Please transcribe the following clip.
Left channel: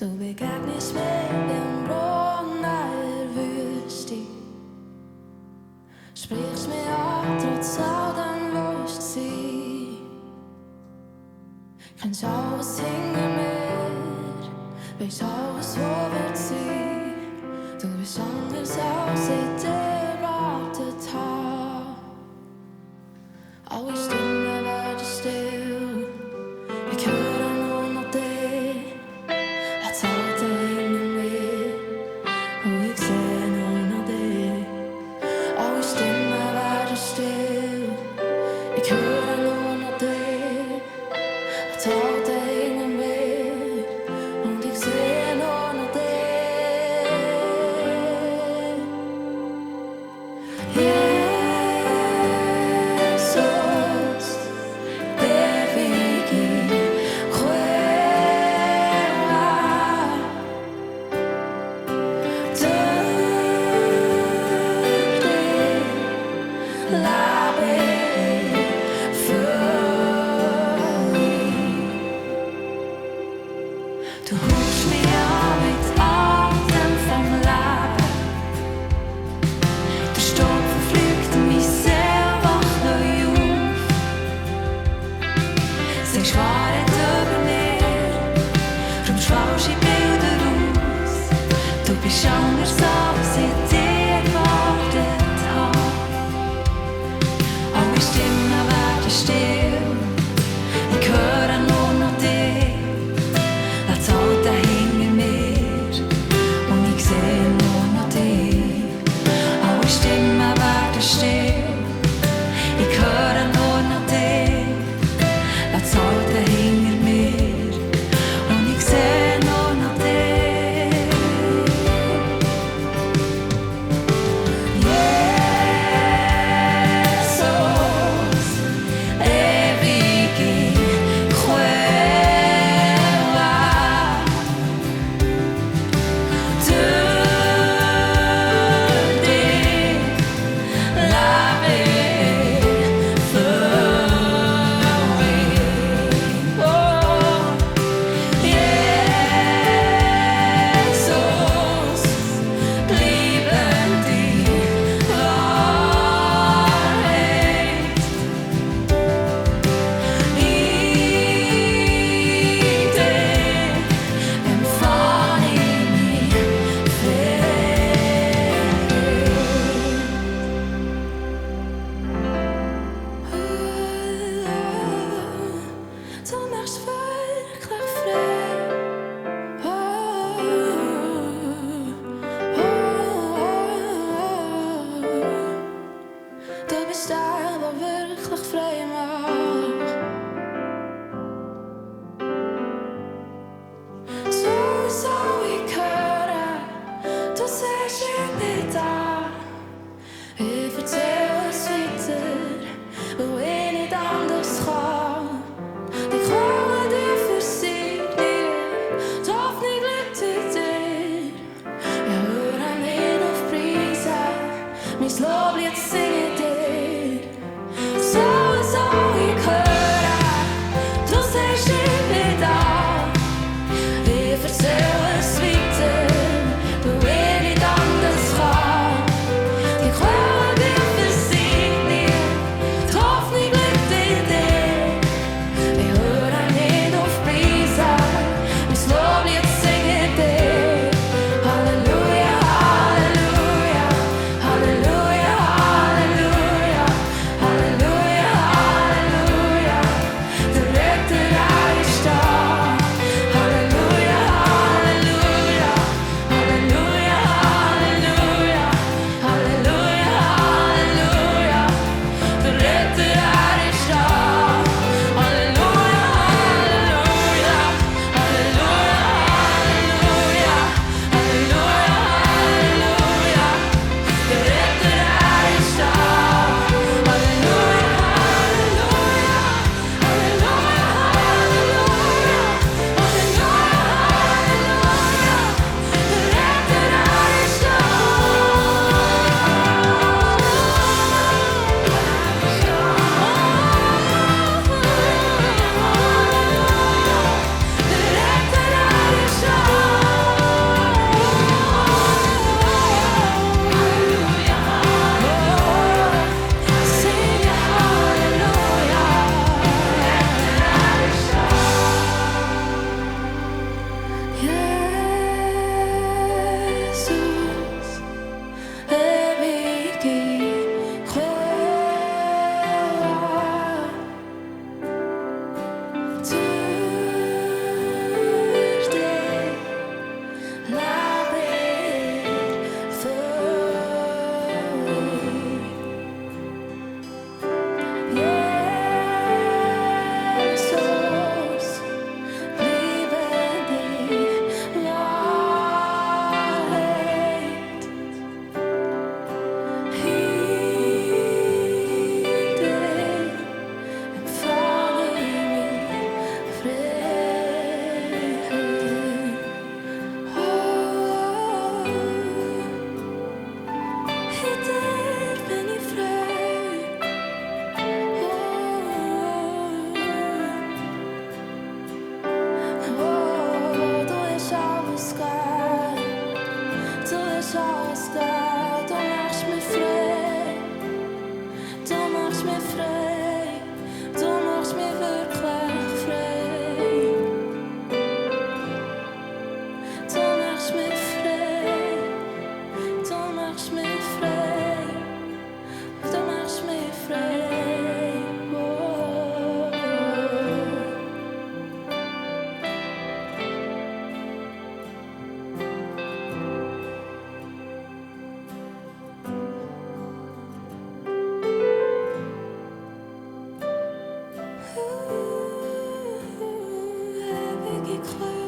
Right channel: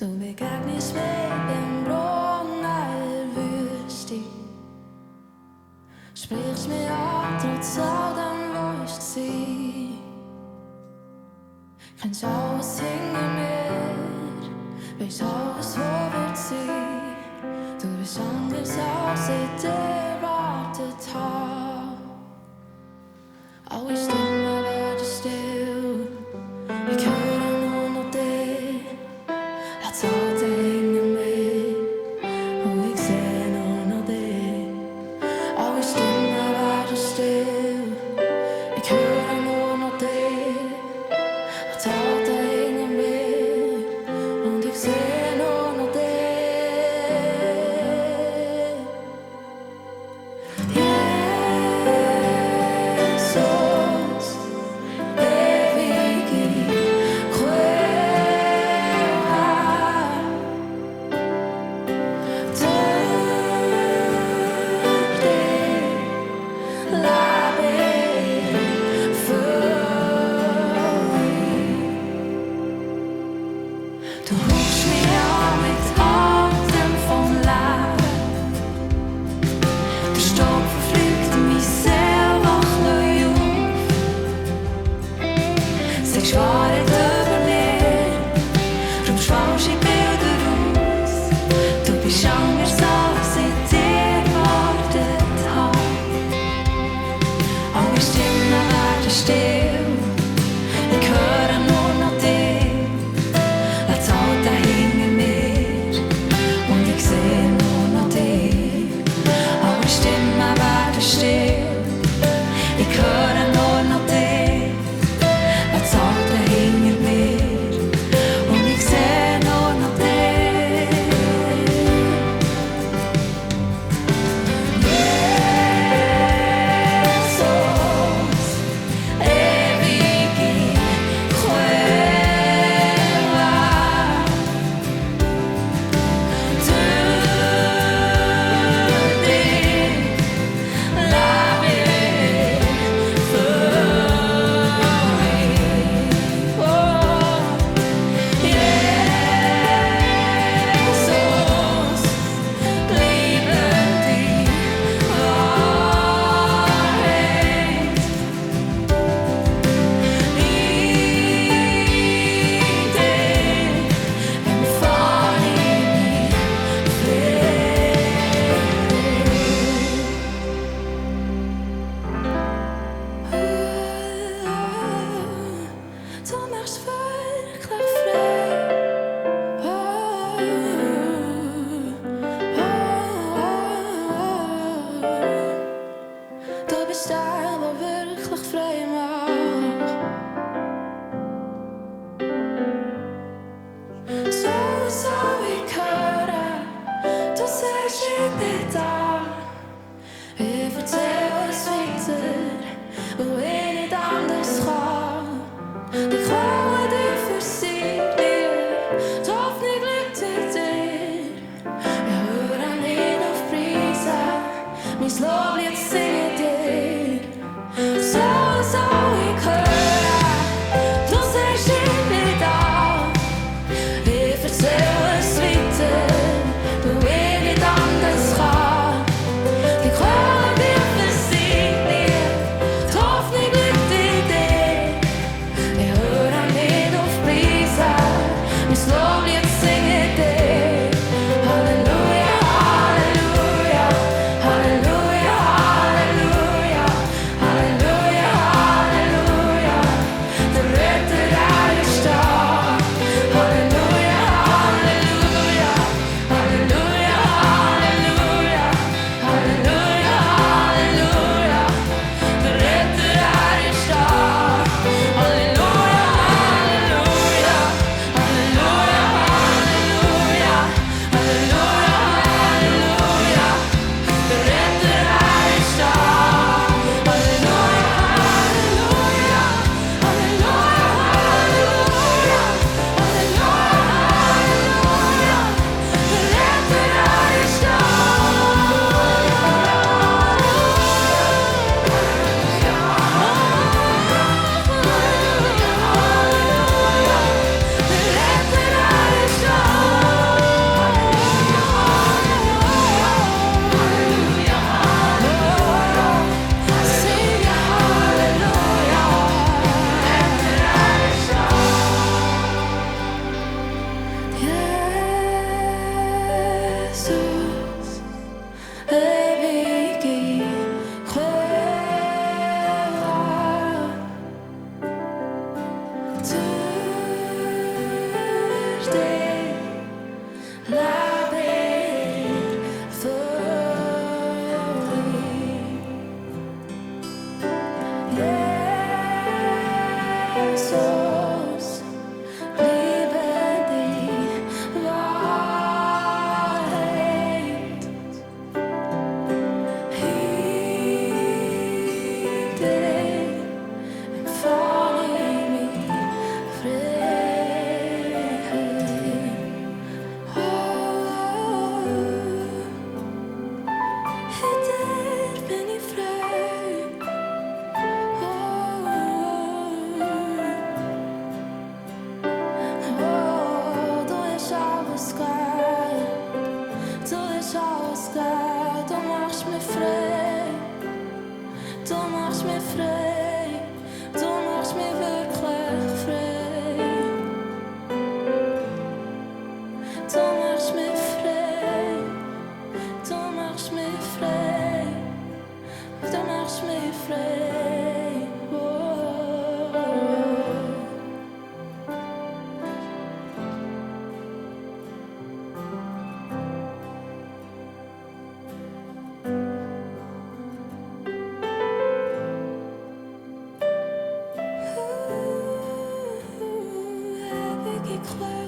Du begegnest mir im Brunne, Wüeschti. Sprichst mir an, trotz all dem, wo ich gseh. Kennsch aues, hinger weisst alles, wo wird sein. Du bist anders, als ich erwartet hab. Aui Stimme werden still, ich höre nur noch dich. Lass Aute hinter mir, und ich seh nur noch dich. Aui Stimme werden still, ich höre nur noch dich. Lass Aute hinter mir, und ich seh nur noch dich. Läbe, Füui. Du huchsch mich an mit Atem vom Läbe. Der Stoub verflügt, mein Seeu wacht neu auf. Sagst Wahrheit über mir, drum schwallst ich Bilder aus. Du bist anders, als ich dir erwartet hab. Aui Stimme werden still, ich höre nur noch dich. Lass Alte hinter mir, und ich seh nur noch dich. Aui Stimme werden still, ich höre nur noch dich. Lass Alte hinter mir, und ich seh nur noch dich. Du machst wirklich frei. Du bist der, der wirklich frei macht. So, ich höre, du sagst, ich bin da. Ich erzähl es weiter, wo ich nicht anders kann. Die Quelle, die versiegt nie, die Hoffnung liegt in dir. Ich höre nicht auf Preise, mein Loblied singe dir. So, ich höre, du sagst, ich bin da. Ich erzähl es weiter, wo ich nicht anders kann. Die Quelle, die versiegt nie, die Hoffnung liegt in dir. Ich höre nicht alles geben. Du machst mich frei. Du machst mich frei. Du machst mich wirklich frei. Du machst mich frei. Du machst mich frei. Du machst mich frei. Oh. Ewige Kräuter.